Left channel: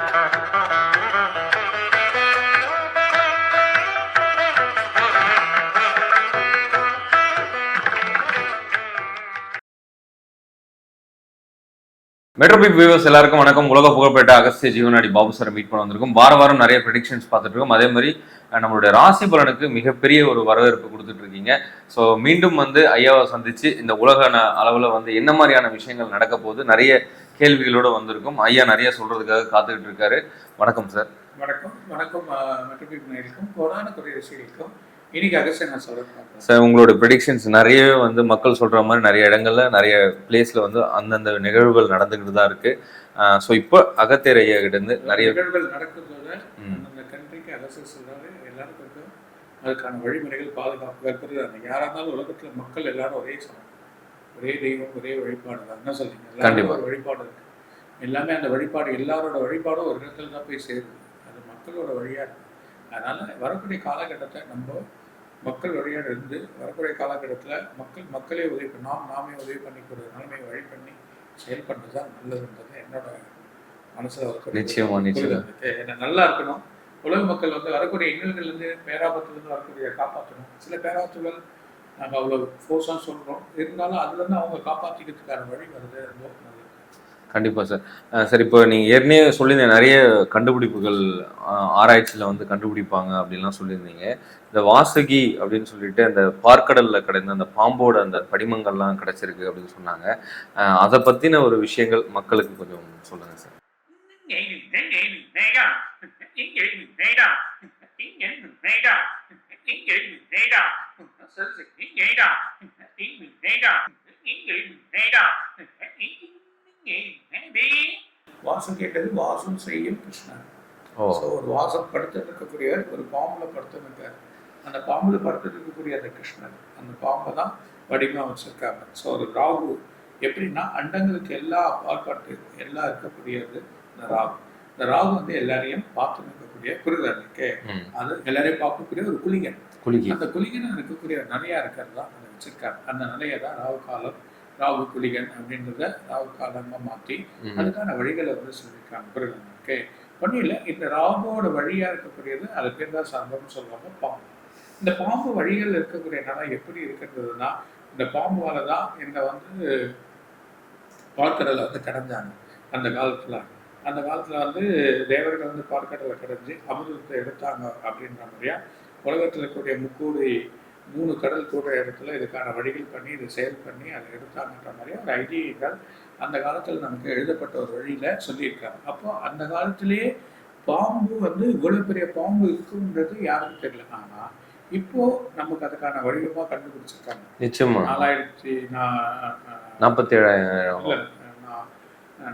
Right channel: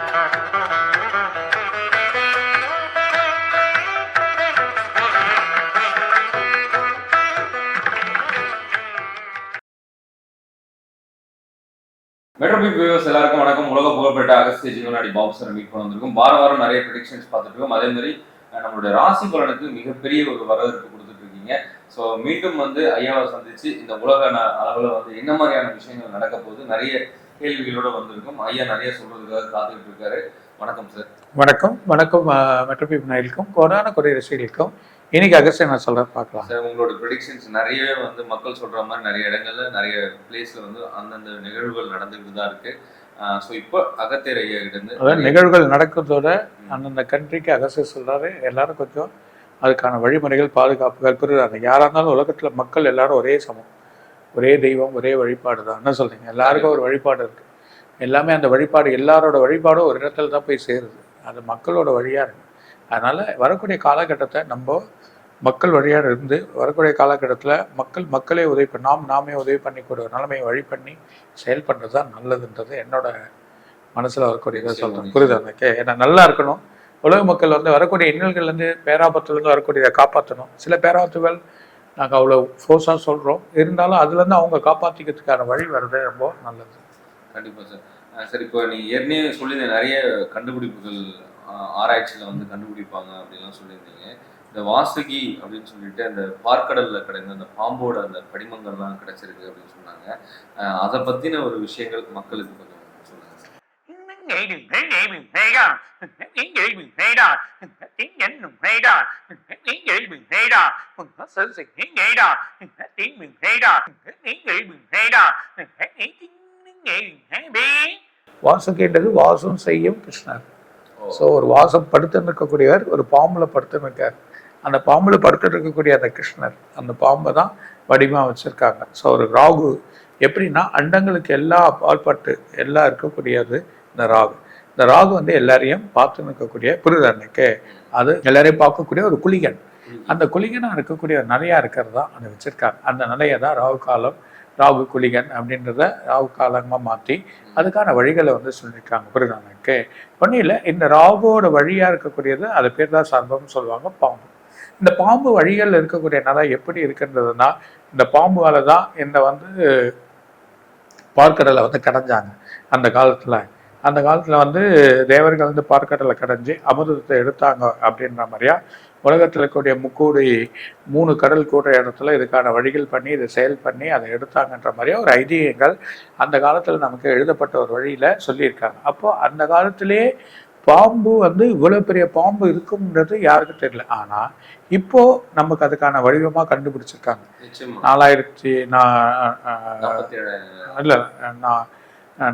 மெட்ரோபிக் viewers எல்லாருக்கும் வணக்கம். உலக புகழ்பெற்ற அகஸ்திய ஜீவனாடி பாபு சார் மீட் பண்ண வந்திருக்கும். வார வாரம் நிறைய ப்ரெடிக்ஷன்ஸ் பார்த்துட்டு இருக்கோம். அதே மாதிரி நம்மளுடைய ராசி பலனுக்கு மிகப்பெரிய ஒரு வரவேற்பு கொடுத்துட்டு இருக்கீங்க. ஸோ மீண்டும் வந்து ஐயாவை சந்திச்சு இந்த உலக அளவில் வந்து என்ன மாதிரியான விஷயங்கள் நடக்க போகுது நிறைய கேள்விகளோட வந்திருக்கும். ஐயா நிறைய சொல்றதுக்காக காத்துக்கிட்டு இருக்காரு. வணக்கம் சார் வணக்கம். வணக்கம் மெட்ரோபிப் நாயலுக்கும் கொரோனா கொரிய ரசிகர்களுக்கும். இன்னைக்கு அகஸ்டியன் நான் சொல்றேன் பார்க்கலாம். சார் உங்களோட ப்ரெடிக்ஷன்ஸ் நிறையவே வந்து மக்கள் சொல்ற மாதிரி நிறைய இடங்கள்ல நிறைய பிளேஸ்ல வந்து அந்தந்த நிகழ்வுகள் நடந்துகிட்டு தான் இருக்கு. ஸோ இப்போ அகத்தியர் ஐயா அதாவது நிகழ்வுகள் நடக்கிறதோட. அந்தந்த கண்ட்ரிக்கு அகஸ்டியன் சொல்றாரு. எல்லாரும் கொஞ்சம் அதுக்கான வழிமுறைகள் பாதுகாப்புகள் புரியுறாங்க யாரா இருந்தாலும் உலகத்துல மக்கள் எல்லாரும் ஒரே சமம். ஒரே தெய்வம் ஒரே வழிபாடு தான். என்ன சொல்றீங்க? எல்லாருக்கும் ஒரு வழிபாடு இருக்கு. எல்லாமே அந்த வழிபாடு எல்லாரோட வழிபாடும் ஒரு இடத்துல தான் போய் சேருது. அது மக்களோட வழியா இருக்கு. அதனால வரக்கூடிய காலகட்டத்தை நம்ம மக்கள் வழியாக இருந்து வரக்கூடிய காலகட்டத்தில் மக்கள் மக்களே உதவி பண்ண நாம் நாமே உதவி பண்ணிக்கூடிய ஒரு நிலைமையை வழி பண்ணி செயல்படுறது தான் நல்லதுன்றது என்னோட மனசுல வரக்கூடிய எனக்கு? ஏன்னா நல்லா இருக்கணும். உலக மக்கள் வந்து வரக்கூடிய இன்னல்கள்லேருந்து பேராபத்துலேருந்து வரக்கூடியதை காப்பாற்றணும். சில பேராபத்துகள் நாங்கள் அவ்வளோ ஃபோர்ஸாக சொல்கிறோம் இருந்தாலும் அதுலேருந்து அவங்க காப்பாற்றிக்கிறதுக்கான வழி வர்றது ரொம்ப நல்லது. கண்டிப்பாக சார் சார் இப்போ நீங்கள் ஏற்கனவே சொல்லியிருந்தீங்க நிறைய கண்டுபிடிப்புகள் ஆராய்ச்சியில் வந்து கண்டுபிடிப்பாங்க அப்படின்லாம் சொல்லியிருந்தீங்க. இந்த வாசுகி அப்படின்னு சொல்லிட்டு அந்த பார்க்கடலில் கிடைந்த அந்த பாம்போட அந்த படிமங்கள்லாம் கிடைச்சிருக்கு அப்படின்னு சொன்னாங்க. அதை பற்றின ஒரு விஷயங்கள் மக்களுக்கு கொஞ்சம் சொல்லுங்கள் சார் வாசுகின்றது வாசம் செய்யும் கிருஷ்ணர். ஸோ ஒரு வாசம் படுத்து நிற்கக்கூடியவர் ஒரு பாம்புல படுத்து நிற்கார் அந்த பாம்புல படுத்து இருக்கக்கூடிய அந்த கிருஷ்ணர் அந்த பாம்பை தான் வடிவமாக வச்சிருக்காங்க. ஸோ ஒரு ராகு எப்படின்னா அண்டங்களுக்கு எல்லா பால்பட்டு எல்லாம் இருக்கக்கூடியது இந்த ராகு. இந்த ராகு வந்து எல்லாரையும் பார்த்து நிற்கக்கூடிய புரிதனுக்கு ம். அது எல்லாரையும் பார்க்கக்கூடிய ஒரு குளிகன். குளிகை. அந்த குளிகனா இருக்கக்கூடிய நிறையா இருக்கிறது தான் அதை வச்சிருக்காங்க அந்த நிலையை தான் ராகு காலம் ராகு குளிகன் அப்படின்றத ராகு காலமாக மாற்றி ம். அதுக்கான வழிகளை வந்து சொல்லியிருக்காங்க புரியுதாங்க ஒன்றும் இந்த ராகுவோட வழியா இருக்கக்கூடியது அது பேர் தான் சர்வம்னு சொல்லுவாங்க பாம்பு. இந்த பாம்பு வழிகள் இருக்கக்கூடிய நிலை எப்படி இருக்கின்றதுன்னா இந்த பாம்புவால தான் இந்த வந்து பார்க்கடலை வந்து கடைஞ்சாங்க அந்த காலத்துல. அந்த காலத்துல வந்து தேவர்கள் வந்து பார்க்கடலை கடைஞ்சு அமிர்தத்தை எடுத்தாங்க அப்படின்ற மாதிரியா? உலகத்தில் இருக்கக்கூடிய முக்கூடி மூணு கடல் கூடுற இடத்துல இதுக்கான வழிகள் பண்ணி இதை செயல் பண்ணி அதை எடுத்தாங்கன்ற மாதிரியா ஒரு ஐதீகங்கள் அந்த காலத்தில் நமக்கு எழுதப்பட்ட ஒரு வழியில சொல்லியிருக்காங்க. அப்போ அந்த காலத்திலேயே பாம்பு வந்து இவ்வளவு பெரிய பாம்பு இருக்கும்ன்றது யாருக்கும் தெரியல. ஆனா இப்போ நமக்கு அதுக்கான வடிவமா கண்டுபிடிச்சிருக்காங்க. நிச்சயமா. நாலாயிரத்தி நான் நாற்பத்தி ஏழாயிரம். இல்ல நான்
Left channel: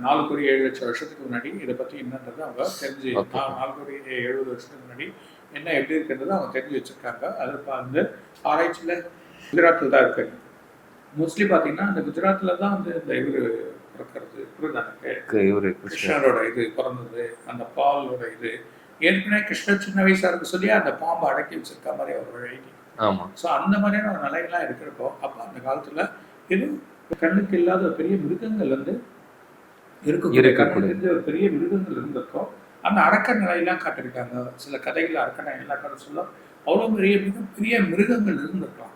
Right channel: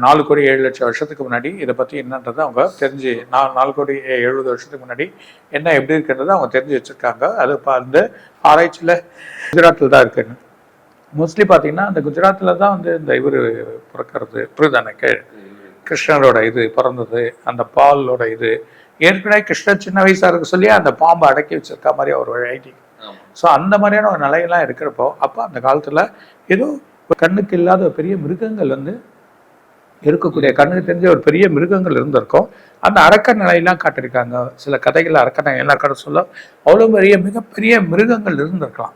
நாலு கோடி ஏழு லட்சம் வருஷத்துக்கு முன்னாடி இதை பத்தி என்னன்றதை அவங்க தெரிஞ்சு நான் நாலு கோடி எழுபது வருஷத்துக்கு முன்னாடி என்ன எப்படி இருக்கிறது அவங்க தெரிஞ்சு வச்சிருக்காங்க. அது இப்போ அந்த ஆராய்ச்சியில குஜராத்தில் தான் இருக்குன்னு மோஸ்ட்லி பார்த்தீங்கன்னா அந்த குஜராத்ல தான் வந்து இந்த இவர் பிறக்கிறது. புரிதானக்கு இவரு கிருஷ்ணரோட இது பிறந்தது அந்த பாலோட இது. ஏற்கனவே கிருஷ்ணர் சின்ன வயசா இருக்க சொல்லி அந்த பாம்பை அடக்கி வச்சிருக்க மாதிரி ஒரு ஐடி. ஆமா. ஸோ அந்த மாதிரியான ஒரு நிலையெல்லாம் இருக்கிறப்போ அப்போ அந்த காலத்துல ஏதோ கண்ணுக்கு இல்லாத பெரிய மிருகங்கள் வந்து இருக்கக்கூடிய கண்ணுக்கு தெரிஞ்ச ஒரு பெரிய மிருகங்கள் இருந்திருக்கும். அந்த அரக்க நிலையெல்லாம் காட்டியிருக்காங்க. சில கதைகள் அரக்க நிலையெல்லாம் கதை சொல்ல அவ்வளோ பெரிய மிகப்பெரிய மிருகங்கள் இருந்திருக்கலாம்.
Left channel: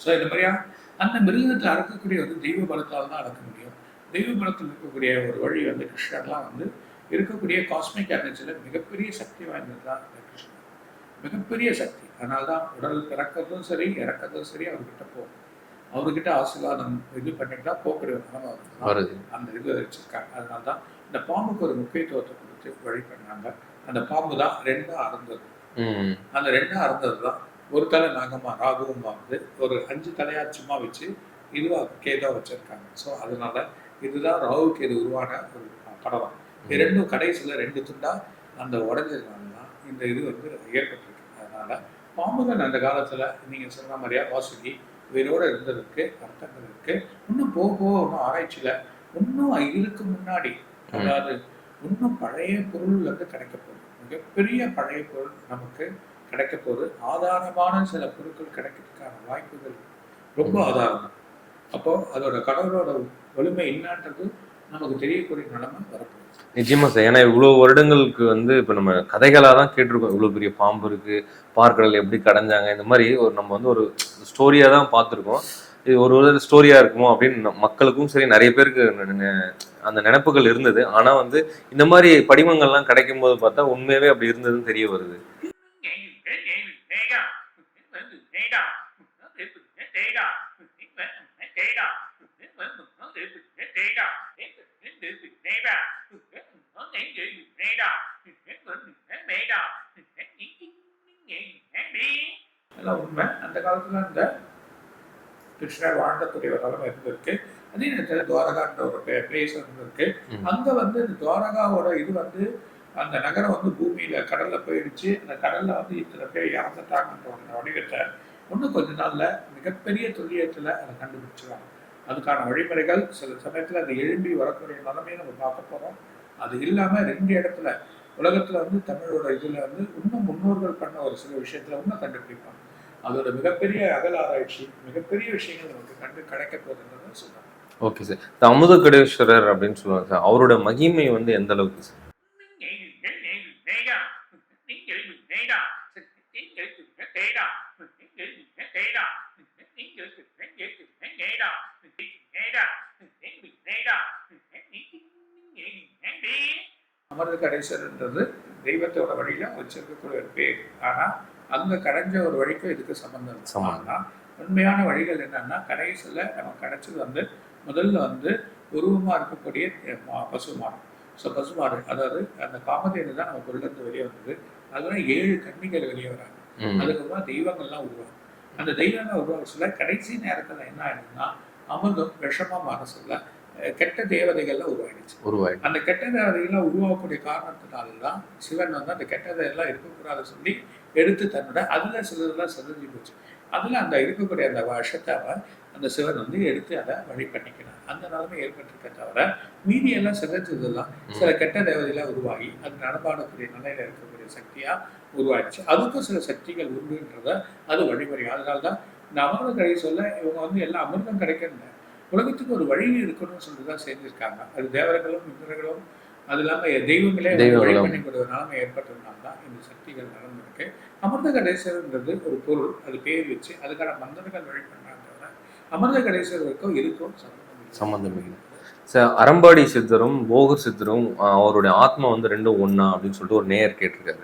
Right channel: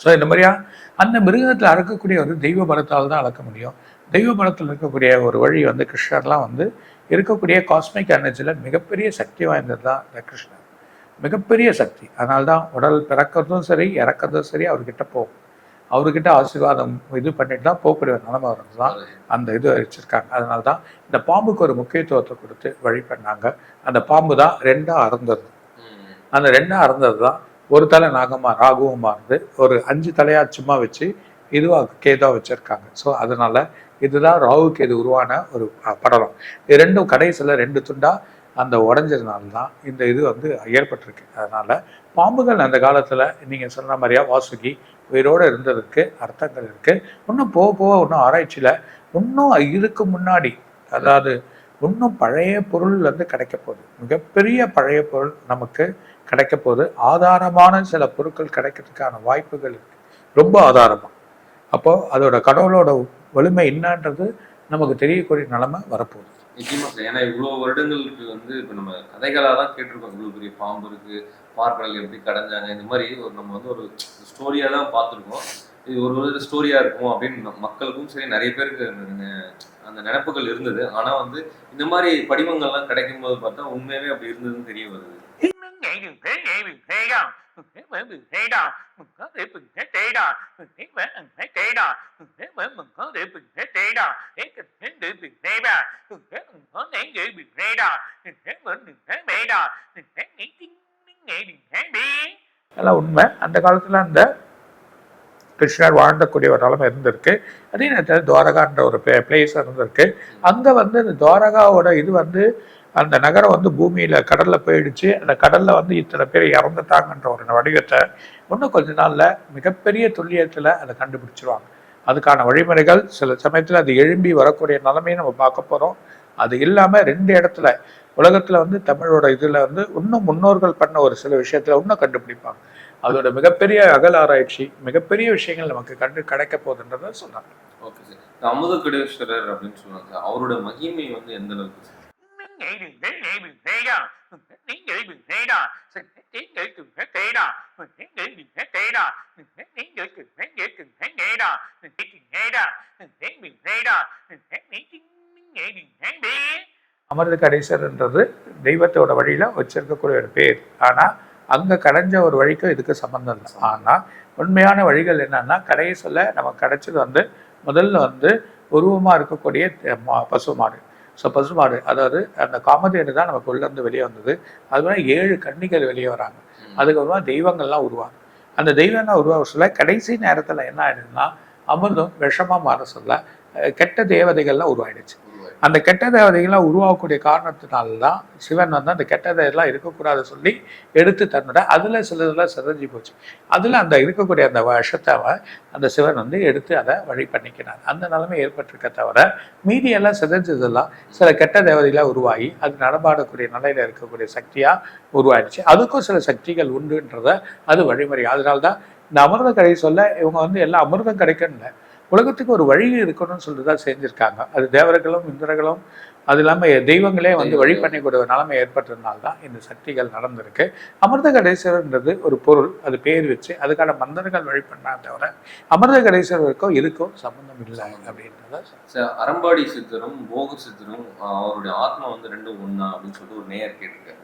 ஸோ இந்த மாதிரியா? அந்த மிருகத்தில் அறக்கக்கூடிய வந்து தெய்வ பலத்தால் தான் அளக்க முடியும். தெய்வ பலத்தில் இருக்கக்கூடிய ஒரு வழி வந்து கிருஷ்ணர்லாம் வந்து இருக்கக்கூடிய காஸ்மிக் எனர்ஜியில் மிகப்பெரிய சக்தி வாய்ந்தது தான் இந்த கிருஷ்ணர். மிகப்பெரிய சக்தி. அதனால தான் உடல் பிறக்கிறதும் சரி இறக்கிறதும் சரி அவர்கிட்ட போகும். அவர்கிட்ட ஆசீர்வாதம் இது பண்ணிட்டு தான் போகக்கூடிய நிலைமை தான் அந்த இது வச்சிருக்காங்க. அதனால தான் இந்த பாம்புக்கு ஒரு முக்கியத்துவத்தை கொடுத்து வழி பண்ணாங்க அந்த பாம்பு தான் ரெண்டா அறந்தது. அந்த ரெண்டா அறந்தது தான் ஒரு தலை நாகமா ராகுவமா இருந்து ஒரு அஞ்சு தலையா சும்மா வச்சு இதுவா கேதா வச்சிருக்காங்க. ஸோ அதனால இதுதான் ராகுக்கு இது உருவான ஒரு படலம். இது ரெண்டும் கடைசியில் ரெண்டு துண்டா அந்த உடஞ்சதுனால தான் இந்த இது வந்து ஏற்பட்டிருக்கு. அதனால பாம்புகள் அந்த காலத்துல நீங்க சொன்ன மாதிரியா வாசுகி உயிரோட இருந்ததுக்கு அர்த்தங்கள் இருக்கு. இன்னும் போக போக இன்னும் ஆராய்ச்சியில இன்னும் இதுக்கு முன்னாடி அதாவது இன்னும் பழைய பொருள் வந்து கிடைக்க போகுது. மிகப்பெரிய பழைய பொருள் நமக்கு கிடைக்க போகுது. ஆதாரமான சில பொருட்கள் கிடைக்கிறதுக்கான வாய்ப்புகள் ரொம்ப ஆதாரமா. அப்போ அதோட கடவுளோட வலிமை என்னன்றது நமக்கு தெரியக்கூடிய நிலைமை வரப்போகுது. நிச்சயமா சார். ஏன்னா இவ்வளோ வருடங்களுக்கு வந்து இப்போ நம்ம கதைகளாக தான் கேட்டிருக்கோம். இவ்வளோ பெரிய பாம்பு இருக்குது பார்க்கடல் எப்படி கடைஞ்சாங்க? இந்த மாதிரி ஒரு நம்ம வந்து ஒரு ஸ்டோரியா தான் பார்த்துருக்கோம். இது ஒரு ஒரு ஸ்டோரியா இருக்குமோ அப்படின்னு மக்களுக்கும் சரி நிறைய பேருக்கு அந்த நினைப்புகள் இருந்தது. ஆனா வந்து இந்த மாதிரி படிமங்கள்லாம் கிடைக்கும் போது பார்த்தா உண்மையாவே அப்படி இருந்ததுன்னு தெரிய வருது. எல்லாம் உண்மை. அந்த காலத்துல அந்த கிருஷ்ணர் வாழ்ந்தக்கூடிய ஒரு நிலைமை இருந்திருக்கு. அதே நேரத்தில் துவாரகான்ற ஒரு பிளேஸ் இருந்திருக்கு. அங்க வந்து இந்த துவாரகாவோட இது வந்து அந்த நகரம் வந்து பூமியில கடல்ல போயிடுச்சு. அந்த கடல்ல வந்து இத்தனை பேர் இறந்துட்டாங்கன்ற ஒரு வடிவத்தை இன்னும் கொஞ்ச நாள்ல மிகப்பெரிய துல்லியத்துல அதை கண்டுபிடிச்சிருவாங்க. அதுக்கான வழிமுறைகள் சில சமயத்துல அது எழும்பி வரக்கூடிய நிலைமையை நம்ம பார்க்க போறோம். அது இல்லாம ரெண்டு இடத்துல உலகத்துல வந்து தமிழோட இதுல வந்து இன்னும் முன்னோர்கள் பண்ண ஒரு சில விஷயத்துல இன்னும் கண்டுபிடிப்பாங்க. அதோட மிகப்பெரிய அகல் ஆராய்ச்சி மிகப்பெரிய விஷயங்கள் நமக்கு கண்டு கிடைக்க போகுதுன்றத சொன்னாங்க ஓகே சார். அமுத கடேஸ்வரர் அப்படின்னு சொல்லுவாங்க சார். அவரோட மகிமை வந்து எந்த அளவுக்கு சார்? அமிர்த கணேசர்ன்றது தெய்வத்தோட வழியில வச்சிருக்கக்கூடிய ஒரு பேர். ஆனா அங்க கடைஞ்ச ஒரு வழிக்கும் இதுக்கு சம்பந்தம் இல்லை. உண்மையான வழிகள் என்னன்னா கடைசியில நமக்கு கிடைச்சது வந்து முதல்ல வந்து உருவமா இருக்கக்கூடிய அஹ், மா- பசுமாடு ஸோ பசுமாடு அதாவது அந்த காமதேனு தான் நமக்கு உள்ள இருந்து வெளியே வந்தது. அது மாதிரி ஏழு கன்னிகள் வெளியே வராங்க. அதுக்கப்புறமா தெய்வங்கள்லாம் உருவாங்க. அந்த தெய்வங்கள் உருவாக சொல்ல கடைசி நேரத்துல என்ன ஆயிடுதுன்னா அமிர்தம் விஷமா மாற சொல்ல கெட்ட தேவதைகள்லாம் உருவாயிடுச்சு. உருவாய் அந்த கெட்ட தேவதைகள்லாம் உருவாகக்கூடிய காரணத்தினால தான் சிவன் வந்து அந்த கெட்ட தேவையெல்லாம் இருக்கக்கூடாது சொல்லி எடுத்து தன்னோட அதுல சிலதெல்லாம் சிதஞ்சு போச்சு. அதுல அந்த இருக்கக்கூடிய அந்த விஷத்தை அவன் அந்த சிவன் வந்து எடுத்து அதை வழி பண்ணிக்கினான். அந்த நிலைமை ஏற்பட்டிருக்க தவிர மீதி எல்லாம் சிதைஞ்சதெல்லாம் சில கெட்ட தேவதைகளா உருவாகி அது நடமாடக்கூடிய நிலையில இருக்கக்கூடிய சக்தியா உருவாயிடுச்சு. அதுக்கும் சில சக்திகள் உண்டுன்றத அது வழிமுறை. அதனால்தான் இந்த அமிர்த கடை சொல்ல இவங்க வந்து எல்லாம் அமிர்தம் கிடைக்கணும் உலகத்துக்கு ஒரு வழி இருக்கணும்னு சொல்லிட்டு தான் செஞ்சிருக்காங்க. அது தேவர்களும் இந்திரர்களும் அது இல்லாம தெய்வங்களே வந்து வழி. பண்ணிக்கூடிய ஒரு நிலைமை ஏற்பட்டதுனால தான் இந்த சக்திகள் நடந்திருக்கு. அமிர்த கடேஸ்வரர்ன்றது ஒரு பொருள். அது பேர் வச்சு அதுக்கான மந்திரங்கள் வழி பண்ணா தவிர அமிர்த கடேஸ்வரருக்கும் இதுக்கும் சம்பந்தம் இல்லை. சம்பந்தம் இல்லை. அப்படின்றத சார் அரம்பாடி சித்தரும் போகர் சித்தரும் அவருடைய ஆத்மா வந்து ரெண்டும் ஒண்ணா அப்படின்னு சொல்லிட்டு ஒரு நேயர் கேட்டிருக்காரு.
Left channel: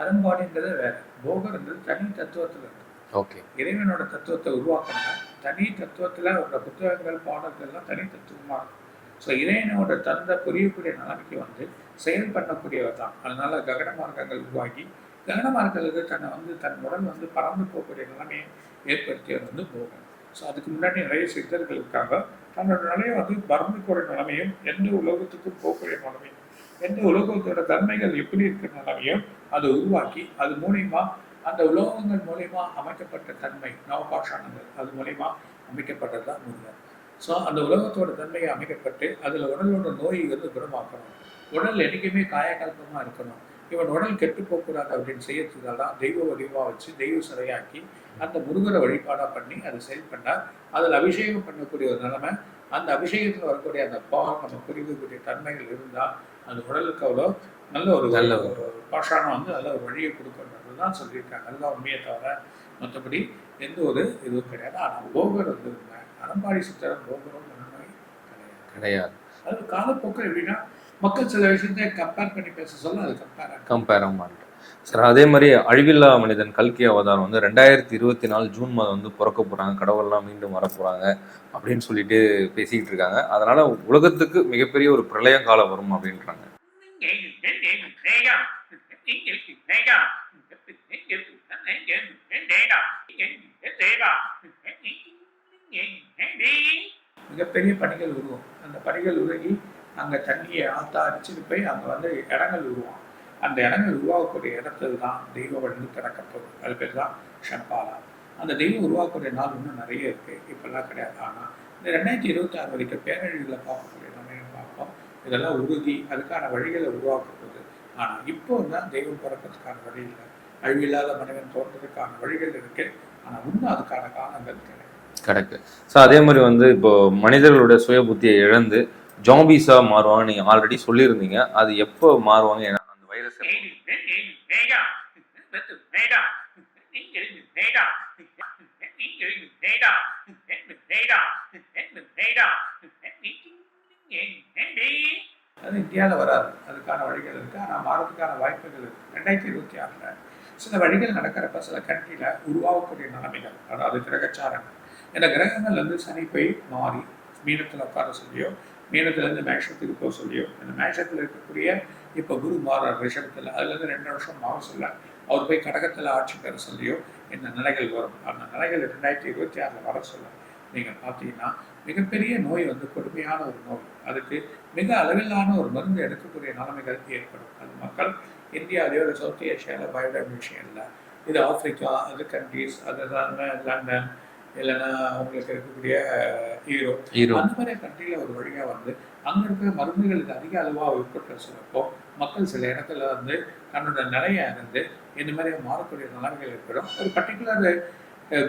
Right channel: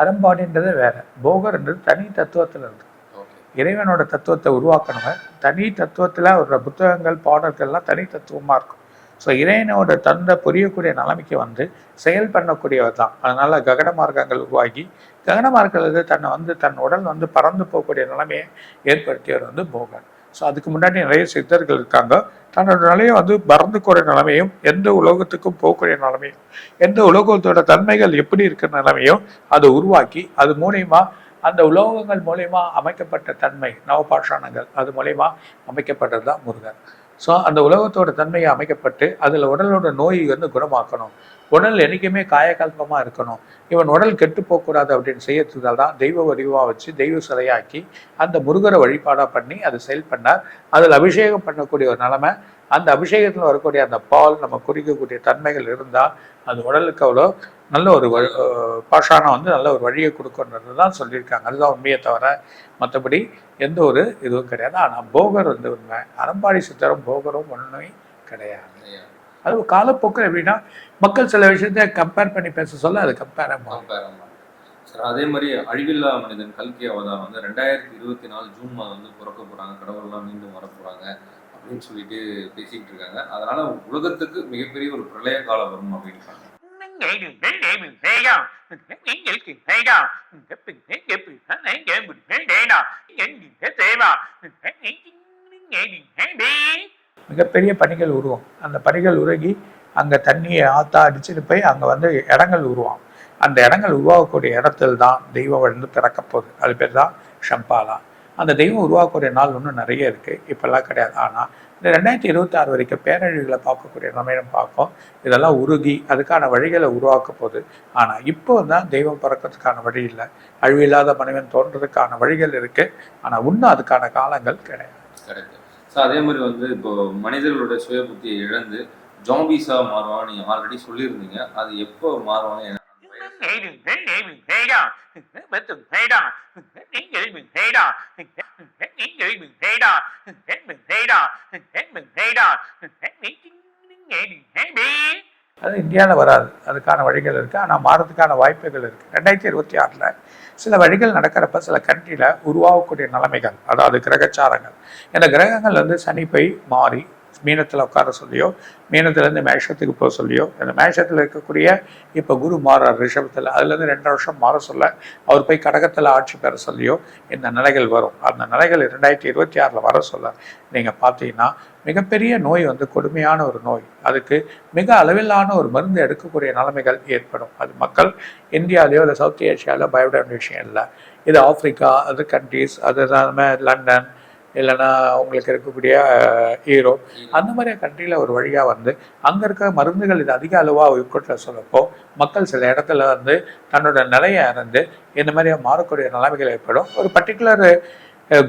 அறம்பாடுன்றது வேற. போகர்ன்றது தனி தத்துவத்துல இருக்கு. ஓகே. இறைவனோட தத்துவத்தை உருவாக்கணும் தனி தத்துவத்துல ஒரு புத்தகங்கள் பாடல்கள்லாம் தனி தத்துவமா இருக்கும். ஸோ இறைவனோட தந்த புரியக்கூடிய நிலைமைக்கு வந்து செயல் பண்ணக்கூடியவர் தான். அதனால ககன மார்க்கங்கள் உருவாகி ககன மார்க்கங்கள் தன்னை வந்து தன் உடல் வந்து பறந்து போகக்கூடிய நிலைமையை ஏற்படுத்தியவர் வந்து போகர். ஸோ அதுக்கு முன்னாடி நிறைய சித்தர்கள் இருக்காங்க. தன்னோட நிலையை வந்து பறந்துக்கூடிய நிலைமையும் எந்த உலோகத்துக்கும் போகக்கூடிய நிலைமையும் எந்த உலோகத்தோட தன்மைகள் எப்படி இருக்கிற நிலைமையும் அதை உருவாக்கி அது மூலியமா அந்த உலோகங்கள் மூலயமா அமைக்கப்பட்ட தன்மை நவபாஷாணங்கள் அது மூலயமா அமைக்கப்பட்டது தான் முருகன். ஸோ அந்த உலகத்தோட தன்மையை அமைக்கப்பட்டு அதில் உடலோட நோயை வந்து குணமாக்கணும். உடல் என்றைக்குமே காயகல்பமாக இருக்கணும். இவன் உடல் கெட்டு போகக்கூடாது அப்படின்னு செய்யறதுனால தான் தெய்வ வடிவாக வச்சு தெய்வ சிலையாக்கி அந்த முருகரை வழிபாடாக பண்ணி அதை செயல் பண்ணார். அதில் அபிஷேகம் பண்ணக்கூடிய ஒரு நிலமை அந்த அபிஷேகத்தில் வரக்கூடிய அந்த பால் நம்ம குடிக்கக்கூடிய தன்மைகள் இருந்தால் அது உடலுக்கு அவ்வளோ நல்ல ஒரு பாஷாணம் வந்து நல்ல ஒரு வழியை கொடுக்கன்றது தான் சொல்லியிருக்காங்க. அதுதான் உண்மையை தவிர மற்றபடி எந்த ஒரு இதுவும் கிடையாது. ஆனால் போகர் வந்து உண்மை. அறம்பாடி சித்தரும் போகரும் ஒன்றுமே கிடையாது. கிடையாது. அது காலப்போக்கில் எப்படின்னா மக்கள் சில விஷயத்த கம்பேர் பண்ணி பேச சொல்ல அது கம்பேர் கம்பேர் மாட்டேன் சார் அதே மாதிரி அழிவில்லா மனிதன் கல்கி அவதாரம் வந்து ரெண்டாயிரத்தி இருபத்தி நாலு ஜூன் மாதம் வந்து பிறக்க போறாங்க. கடவுள்லாம் மீண்டும் வர போறாங்க அப்படின்னு சொல்லிட்டு பேசிக்கிட்டு இருக்காங்க. அதனால உலகத்துக்கு மிகப்பெரிய ஒரு பிரளய காலம் வரும் அப்படின்றாங்க. மிகப்பெரிய பனிகள் உருவம். அந்த பனிகள் உருகி அங்க தண்ணியை ஆத்தா அடிச்சுட்டு போய் அங்க வந்து இடங்கள் உருவாம். அந்த இடங்கள் உருவாகக்கூடிய இடத்துல தான் தெய்வம் வந்து பிறக்க போகுது. அது பேர் தான் ஷம்பாலா அந்த தெய்வம் உருவாக்கக்கூடிய நாள் இன்னும் நிறைய இருக்கு. இப்பெல்லாம் கிடையாது. ஆனா இந்த ரெண்டாயிரத்தி இருபத்தி ஆறு வரைக்கும் பேரழிவுகளை பார்க்கக்கூடிய நிலைமையை பார்ப்போம் இதெல்லாம் உருகி அதுக்கான வழிகளை உருவாக்க போகுது ஆனால் இப்போ தான் தெய்வம் பிறக்கிறதுக்கான வழி இல்லை அழிவில்லாத மனிதன் தோன்றதுக்கான வழிகள் இருக்கு ஆனால் இன்னும் அதுக்கான காலங்கள் கிடையாது கரெக்ட் ஸோ அதே மாதிரி வந்து இப்போ மனிதர்களுடைய சுய புத்தியை இழந்து ஜாம்பிஸா மாறுவாங்க நீங்க ஆல்ரெடி சொல்லியிருந்தீங்க அது எப்போ மாறுவாங்க ஏன்னா அந்த வைரஸ் அது இந்தியாவில் வராது. அதுக்கான வழிகள் இருக்குது ஆனால் மாறதுக்கான வாய்ப்புகள் இருக்குது ரெண்டாயிரத்தி இருபத்தி ஆறில் சில வழிகள் நடக்கிறப்ப சில கண்ட்ரியில் உருவாகக்கூடிய நிலைமைகள் அதாவது கிரகச்சாரங்கள். இந்த கிரகங்கள் வந்து சனி போய் மாறி மீனத்தில் உட்கார சொல்லியோ மீனத்துலேருந்து மேஷத்துக்கு போக சொல்லியோ இந்த மேஷத்தில் இருக்கக்கூடிய இப்போ குரு மாறார் ரிஷபத்தில் அதுலேருந்து ரெண்டு வருஷம் மாற சொல்ல அவர் போய் கடகத்தில் ஆட்சி பெற சொல்லியோ இந்த நிலைகள் வரும். அந்த நிலைகள் ரெண்டாயிரத்தி இருபத்தி ஆறில் வர சொல்ல நீங்கள் பார்த்தீங்கன்னா மிகப்பெரிய நோய் வந்து கொடுமையான ஒரு நோய். அதுக்கு மிக அளவிலான ஒரு மருந்து எடுக்கக்கூடிய நிலைமைகள் ஏற்படும். அது மக்கள் இந்தியாவிலேயோ இல்லை சவுத் ஏஷியாவிலோ பயப்பட வேண்டிய விஷயம் இல்லை. இது ஆப்பிரிக்கா அதர் கண்ட்ரீஸ் அது இல்லாமல் லண்டன் இல்லைன்னா உங்களுக்கு இருக்கக்கூடிய ஈரோப் ஹீரோ அந்த மாதிரி கண்ட்ரியில் ஒரு வழியாக வந்து அங்கே இருக்க மருந்துகள் இது அதிக அளவாக உட்கொட்ட சொல்லப்போ மக்கள் சில இடத்துல வந்து தன்னோட நிலையை அறிந்து இந்த மாதிரி மாறக்கூடிய நிலைமைகள் ஏற்படும். ஒரு பர்டிகுலர்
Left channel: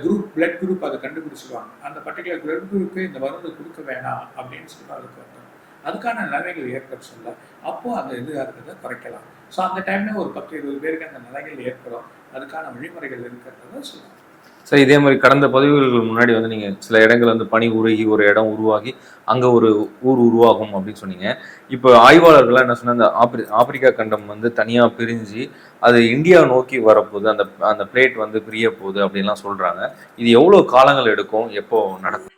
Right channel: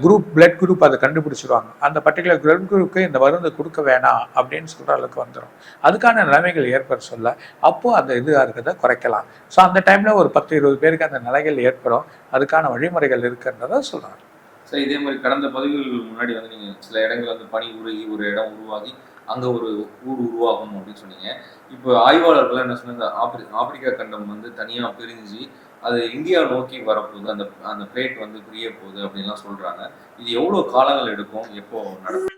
குரூப் பிளட் குரூப் அதை கண்டுபிடிச்சிருவாங்க. அந்த பர்டிகுலர் பிளட் குரூப்புக்கு இந்த மருந்து கொடுக்க வேணாம் அப்படின்னு சொல்கிற அளவுக்கு வந்துடும் அதுக்கான நிலைமைகள் ஏற்பட சொல்ல அப்போ அந்த இதாக இருக்கிறத குறைக்கலாம். ஸோ அந்த டைமில் ஒரு பத்து இருபது பேருக்கு அந்த நிலைகள் ஏற்படும். அதுக்கான வழிமுறைகள் இருக்கிறத சொல்கிறாங்க சரி இதே மாதிரி கடந்த பதிவுகளுக்கு முன்னாடி வந்து நீங்கள் சில இடங்கள் வந்து பணி உருகி ஒரு இடம் உருவாகி அங்கே ஒரு ஊர் உருவாகும் அப்படின்னு சொன்னீங்க. இப்போ ஆய்வாளர்கள்லாம் என்ன சொன்னா அந்த ஆப்பிரி ஆப்பிரிக்கா கண்டம் வந்து தனியாக பிரிஞ்சு அது இந்தியா நோக்கி வரப்போகுது அந்த அந்த பிளேட் வந்து பிரிய போகுது அப்படின்லாம் சொல்கிறாங்க இது எவ்வளோ காலங்கள் எடுக்கும்? எப்போ நடக்கும்?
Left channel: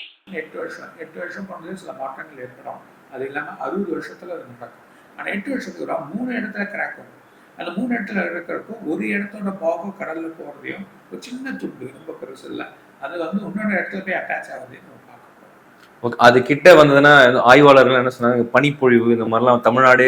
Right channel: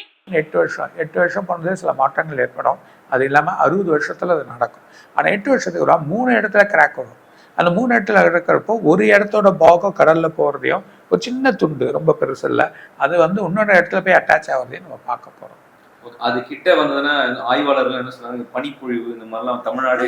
எட்டு வருஷம் எட்டு வருஷம் போனது சில மாற்றங்கள் ஏற்படும் அது இல்லாமல் அறுபது வருஷத்தில் அது நடக்கும் ஆனால் எட்டு வருஷத்துக்கு ஒரு மூணு இடத்துல கிராக் வரும் அந்த மூணு இடத்துல இருக்கிறப்போ ஒரு இடத்தோட பாகம் கடலில் போகிறதையும் ஒரு சின்ன துண்டு ரொம்ப பெருசு இல்லை அது வந்து இன்னொரு இடத்துல போய் அட்டாச் ஆகிறதையும் நம்ம பார்க்க போகிறோம் அது கிட்ட வந்ததுன்னா ஆய்வாளர்கள் என்ன சொன்னாங்க பனிப்பொழிவு இந்த மாதிரிலாம் தமிழ்நாடு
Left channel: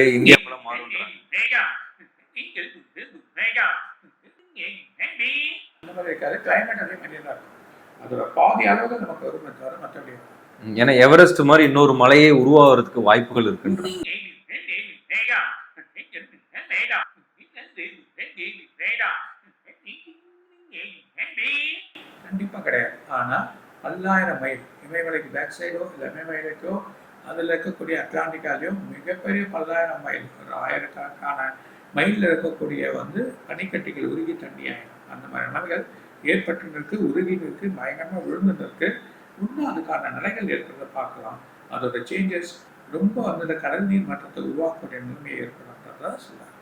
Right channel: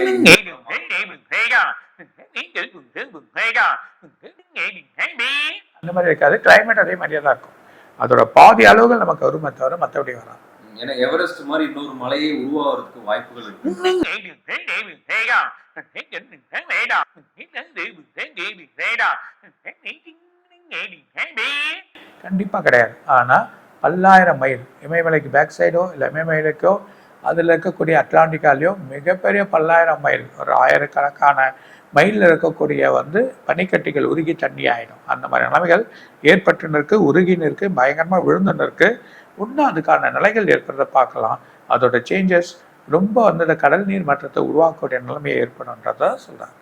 அந்த மாதிரி இருக்காது கிளைமேட் அதே மாதிரியே தான் இருக்கும் அதோட பாதி அளவுகள் நமக்கு வருமே தவிர மற்றபடி வராது. ஏன்னா எவரெஸ்ட் மாதிரி இன்னொரு மலையே உருவாகிறதுக்கு வாய்ப்புகள் இருக்கு கண்டிப்பாக கிடையாது. ஆனால் பல்லாயிரம் மைல் இமயமலைக்கு பேக் சைடோ இல்லை இமயமலைக்கோ அதில் இருக்கக்கூடிய அட்லாண்டிக்காலேயோ மிகப்பெரிய பல்லாயிரம் மைல் ஒரு ஆயிரக்கணக்கான மயிலில் இருக்கக்கூடிய வந்து பனிக்கட்டிகள் உருகி தண்ணி ஆயிடும். அந்த மாதிரி நிலைமைகள் ஏற்பட்டுன்னு இருக்கு உருகின்னு இருக்கு பயங்கரமாக விழுந்துன்னு இருக்கு இன்னும் அதுக்கான நிலைகள் ஏற்படுறத பார்க்கலாம். அதோட சேஞ்சஸ் ரொம்ப வந்து இந்த கடல் நீர் மாற்றத்தை உருவாக்கக்கூடிய நிலைமையை ஏற்படும்ன்றத சொல்கிறாங்க